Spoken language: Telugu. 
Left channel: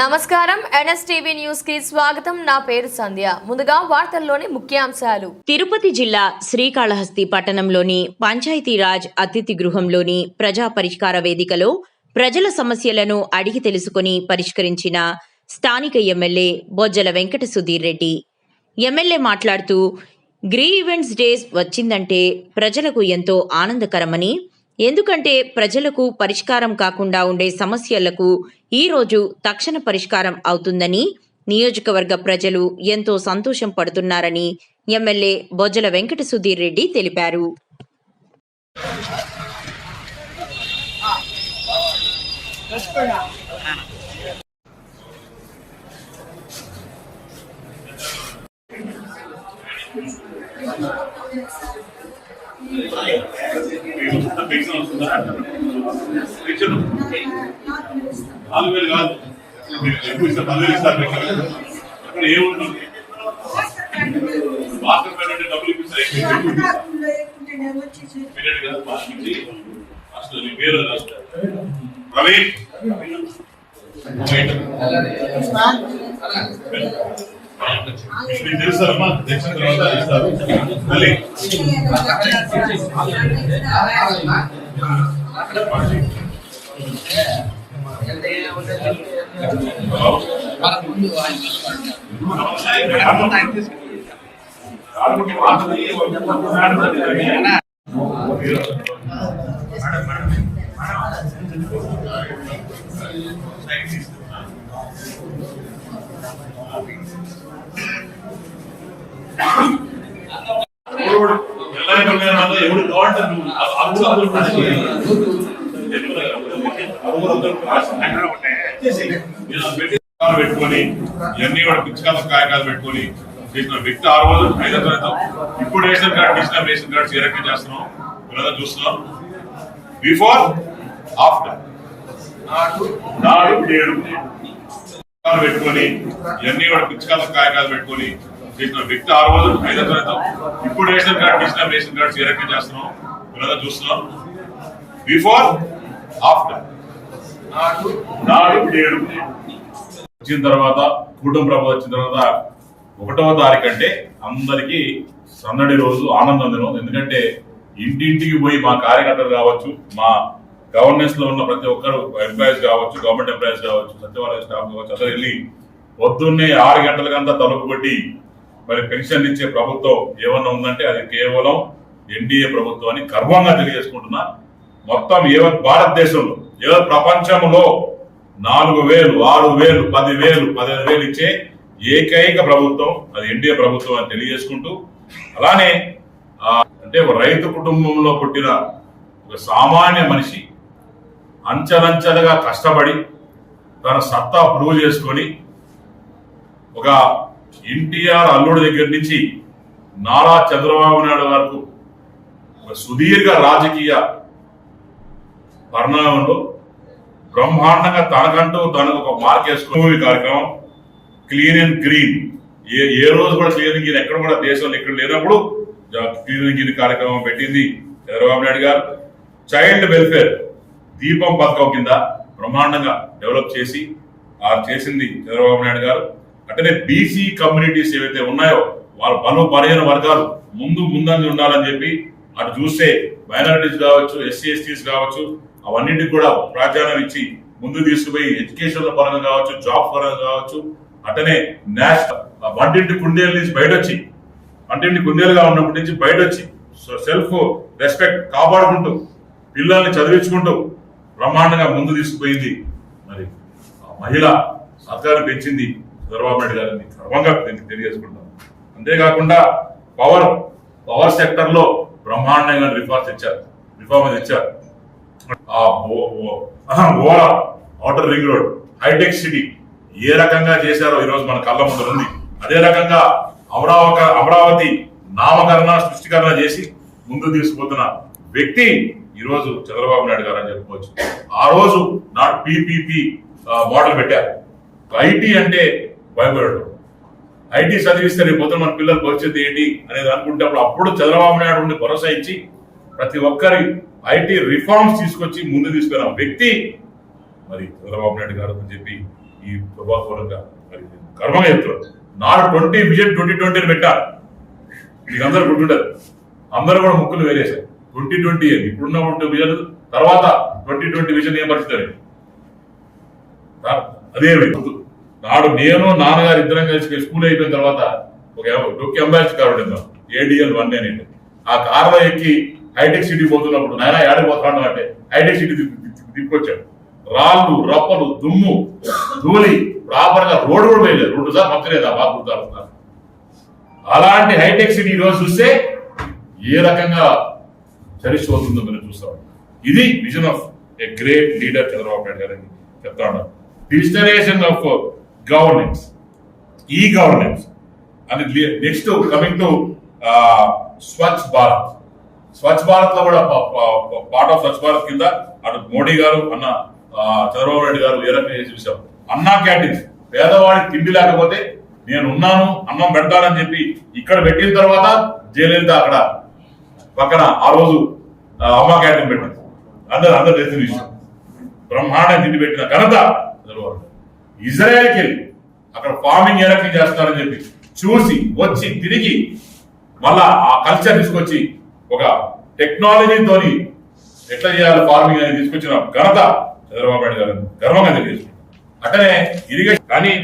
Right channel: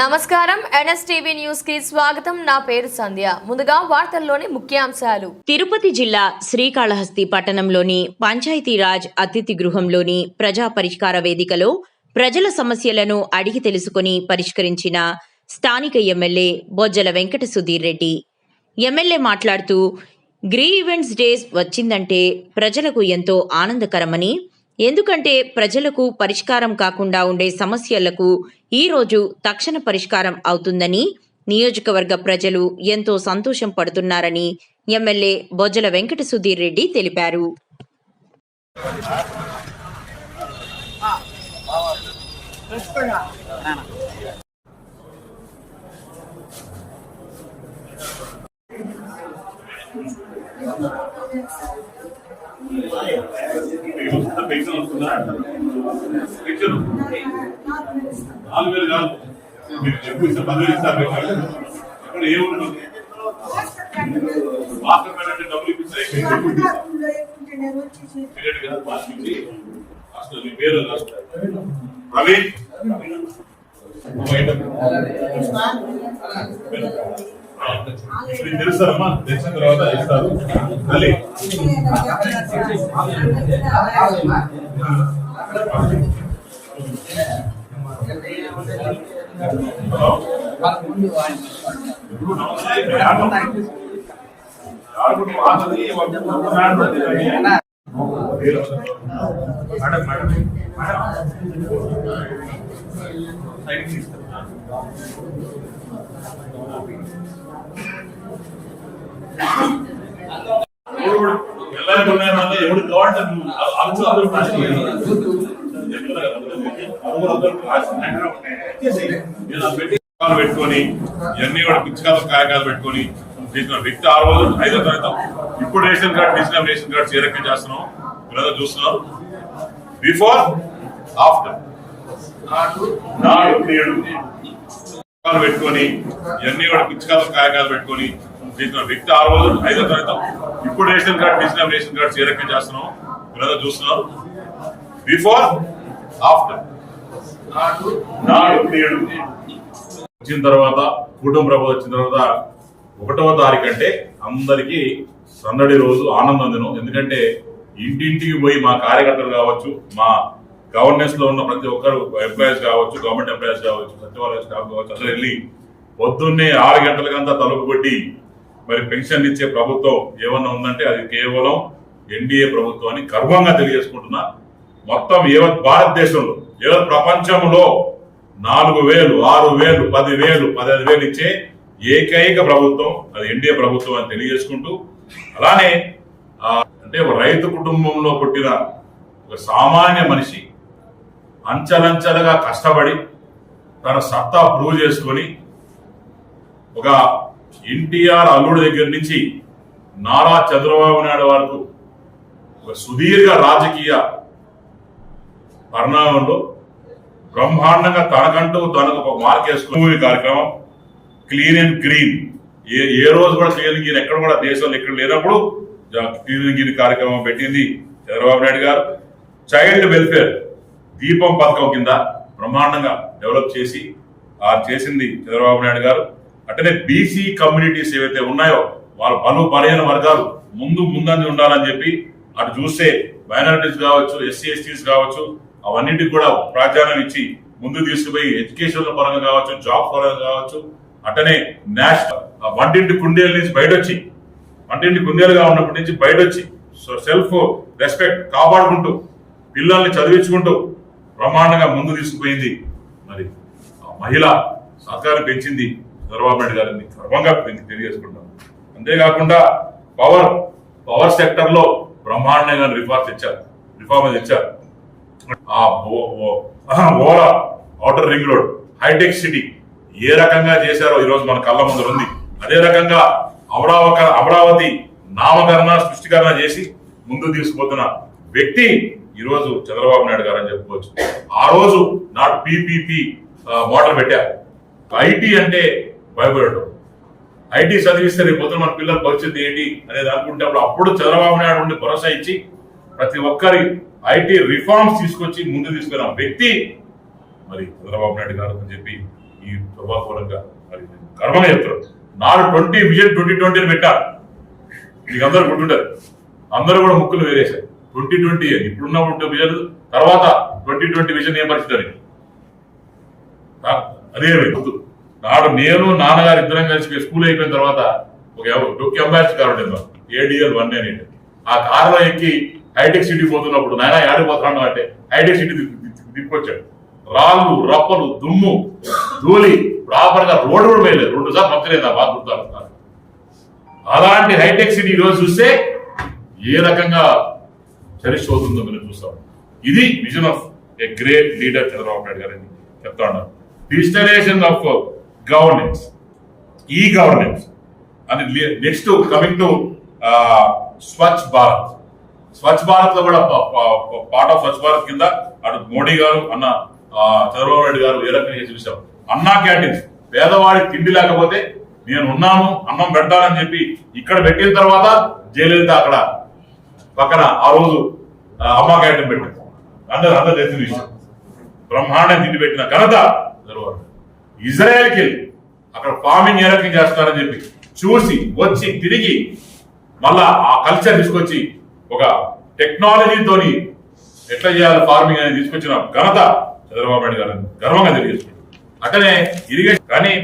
నమస్కారం ఎన్ఎస్టీవీ న్యూస్ కి స్వాగతం. నా పేరు సంధ్య. ముందుగా వార్తల్లోని ముఖ్యాంశాలు. తిరుపతి జిల్లా శ్రీకాళహస్తి పట్టణంలోని పంచాయతీరాజ్ అతిథి గృహంలోని ప్రజా పరిష్కార వేదికలో ప్రజల సమస్యలను అడిగి తెలుసుకుని పరిష్కరించిన స్థానిక ఎమ్మెల్యే బొజ్జల వెంకట సుధీర్ రెడ్డి. ఎమ్మెల్యే మాట్లాడుతూ గ్రీవెన్స్ డేస్ వచ్చిందంటే ప్రజలకు ఎంతో ఆనందకరమని, ఎందుకంటే ప్రజలకు పరిష్కారం కాకుండా ఉండే సమస్యలకు ఈరోజు తక్షణ పరిష్కారం అవుతుందని, నియోజకవర్గ ప్రజలు ఎంతో సంతోషం పడుతున్నారని ఎమ్మెల్యే బొజ్జల వెంకట సుధీర్ రెడ్డి తెలిపారు. తెలుసమ్మా, తెచ్చిన తర్వాత ఇస్తారు. మళ్ళీ ఎవరు పెట్టుకొని ఇవన్నీ కూడా పిచ్చికాత కాయకాలు పెట్టుకొని చేసిన వ్యక్తి ఆ రోజు 5వ తరగతి. ఇప్పుడు ration card digital ration card చేరక చేస్తున్నాం. మీరంతా చూస్తున్నారు. బిఫోర్ ఆఫ్టర్ నాడు నేడు పెట్టుకొని ఇవన్నీ కూడా పిచ్చికాత కాయకాలు పెట్టుకొని చేసిన వ్యక్తి ఆ రోజు 5వ తరగతి. ఇప్పుడు ration card digital ration card చేరక చేస్తున్నాం. మీరంతా చూస్తున్నారు. బిఫోర్ ఆఫ్టర్ నాడు నేడు వచ్చిన తర్వాత కుటుంబ ప్రభుత్వం వచ్చిన తర్వాత 1వ తారీఖు అంటే అందరికీ సందడి రోజు, ఆనందం దినం. ఎందుకంటే ఇంటింటికి పోయి మా కార్యకర్తలు కావచ్చు, మా గవర్నెన్స్ లో ఉన్న ప్రతి ఒక్కరు ఎంప్లాయీస్ కావచ్చు, గవర్నమెంట్ ఎంప్లాయీస్ కావచ్చు, సచివాలయ స్టాఫ్ కావచ్చు, అందరూ వెళ్ళి పొద్దున్నే 6 గంటలకంతా తలుపు కొట్టి మరి పెన్షన్ ఇచ్చే ప్రభుత్వం ఏమన్నా ఉందంటే అది కేవలం ఎన్డీఏ ప్రభుత్వం అని గర్వంగా తెలియజేసుకుంటున్నా. మొత్తం భారతదేశంలో ప్రపంచంలో 4,000, 6,000, 10,000, 15,000 ఇచ్చే ఏకైక ప్రభుత్వం అది ఎన్డీఏ ప్రభుత్వం అని తెలియజేసుకుంటూ, అలానే అంటే ఒక రైతు కుటుంబంలో పుట్టిన ఒక సామాన్య మనిషి అంచెలంచెలుగా కష్టపడి తన సత్తా ప్రూవ్ చేసుకొని ఒక ఎన్టీఆర్ అల్లుడి దగ్గర నుంచి నారా చంద్రబాబు నాయుడు వరకు ఒక సుదీర్ఘ రాజకీయ పరిణామంలో బ్రహ్మాండంగా తనకంటూ తనకు ఒక మార్క్ వేసుకునే కార్యక్రమం క్లీన్ అండ్ గ్రీన్. ఏ రోజు కూడా క్లీన్ అండ్ గ్రీన్ ఎక్కడ కూడా దేశంలో ఎక్కడ లేనప్పుడు క్లీన్ అండ్ గ్రీన్ కార్యక్రమం పెట్టింది చంద్రబాబు నాయుడు గారు. చైల్డ్ వెల్ఫేర్ దీపం పథకం కింద బ్రహ్మాండంగా డెవలప్ చేసింది చంద్రబాబు నాయుడు గారు. అట్టనే బీసీ కమ్యూనిటీస్ ఏవైతే ఉన్నాయో వాళ్ళ బలహీన వర్గాలు ముందంజ ఉండాలని చెప్పి అటు చూస్తే మైనారిటీస్ కావచ్చు, ఎస్సీ ఎస్టీస్ కావచ్చు, అవన్నింటికి కూడా ప్రాధాన్యం ఇచ్చి ముందు తీసుకుపోయి ఎడ్యుకేషన్ పరంగా కావచ్చు, జాబ్ పరంగా కావచ్చు, అట్టనే నేషనల్ వంటింటి కుందేల నుంచి బయటొచ్చి, వంటింటి కుందేలుగా ఉన్నప్పటి నుంచి బయటొచ్చి సెల్ఫ్ రెస్పెక్ట్ కాపాడుకుంటూ పిల్లల్ని చదివించుకుంటూ బ్రహ్మాండంగా ముందు తీసుకుపోయింది. మరి మహిళ సత్కారం పెంచింది చంద్రబాబు నాయుడు గారిని గర్వంగా తెలియజేసుకుంటాం. అంతేకాకుండా పవర్ సెక్టర్ లో బ్రహ్మాండంగా రిఫార్మ్స్ ఇచ్చారు. ఓరా ఔటర్ రింగ్ రోడ్, హైటెక్ సిటీ ఏ రకంగా చేశారో ఈరోజు మన కళ్ళ ముందు ఉంది. అదే రకంగా అమరావతి నామకరణ సృష్టికరణ చేసి ముందు తీసుకుపోతున్న వ్యక్తి ఈరోజు చంద్రబాబు నాయుడు గారు అని చెప్పుకోవచ్చు. ఆ రోజు నాడు పీపీపీ మోడల్ పెట్టారు. ఐటీ అంటే భయపడటం, ఐటీ చదివిస్తే రేపు పొద్దున మన పిల్లల పరిస్థితి ఏంటి అనేది అనుకుంటే అప్పుడు చంద్రబాబు నాయుడు ఉండి భరోసా ఇచ్చి ప్రతి ఒక్కరి ఐటీ రిఫార్మ్స్ తీసుకొచ్చి ముందు తీసుకున్న వ్యక్తి మరి చంద్రబాబు నాయుడు గారు అని చెప్పి ఈ ప్రభావపరంగా మరి గర్వంగా చెప్తున్నారు. నాడు 2020 పెట్టారు. మీకు అందరూ గుర్తుంటారు. అందరూ కూడా ముక్కులు వేరేశారు. 2020 అని ఇప్పుడున్న విజన్ తర్వాత 2020 విజన్ ఏం పరిస్థితి అదేమైంది. నాడు నేను నాన్నగారు ఇద్దరం కలిసి స్కూల్ అయిపోయిన తర్వాత ఒక అంబాసిడర్ కారు ఉండేది మాకు, ADL 1 అనేది. ఆ కారులో ఎక్కి హైటెక్ సిటీ పోతున్నప్పుడు నాయన యాడికి పోతున్నాడు అంటే హైటెక్ సిటీ తిప్పుకొచ్చాడు. రాళ్ళు, రప్పలు, దుమ్ము, ధూళి, ప్రాపర్గా రోడ్డు కూడా వేయలేదు. 2 సార్లు పంచలేదు. బాగా గుర్తాడుతున్నారు. అలాంటి హైటెక్ సిటీ ఈరోజు చూస్తే ఏ రకంగా చరిష్పోతుందో మనం చూస్తాం. ఇది vision of a great leader Chandrababu Naidu గారు అని చెప్తా ఉన్నారు. Digitalisation of governance, e governance అని next coming to Swachh Bharat. Swachh Bharat లో కూడా పార్ట్ ఆఫ్ స్వచ్ఛ భారత్ కింద అటు మోడీ గారు అన్న చంద్రబాబు నాయుడు గారు ఏ రకంగా చేసి చూసాం. అన్నా క్యాంటీన్స్, పేదవాడికి తిండి లేకపోతే నేను ఉన్నాను, అన్నం పెడతానని చెప్పి ఇక్కడ పెట్టిన తర్వాత జయలలిత అక్కడ పక్కన ఆ రోజు అమ్మా క్యాంటీన్ పెట్టింది. అందరు తెలిసిన విషయం. బ్రహ్మాండం తిండి పెట్టిన ఘనత చంద్రబాబు. ఇజ్రాయెల్కి వెళ్ళి అక్కడ ఫార్మింగ్ ఏ రకంగా చేస్తున్నారని చెప్పి చూసి వచ్చి తిరిగి మళ్ళా ఆ కల్చర్ తీసుకొచ్చి ఒక టెక్నాలజీతోని ఎట్లా చేయాలి ఫార్మింగ్ అనేది తీసుకొచ్చిన ఘనత చంద్రబాబు నాయుడు గారు గర్వంగా తెలియజేస్తుంది. అట్లనే ఇరిగేషన్ కానీ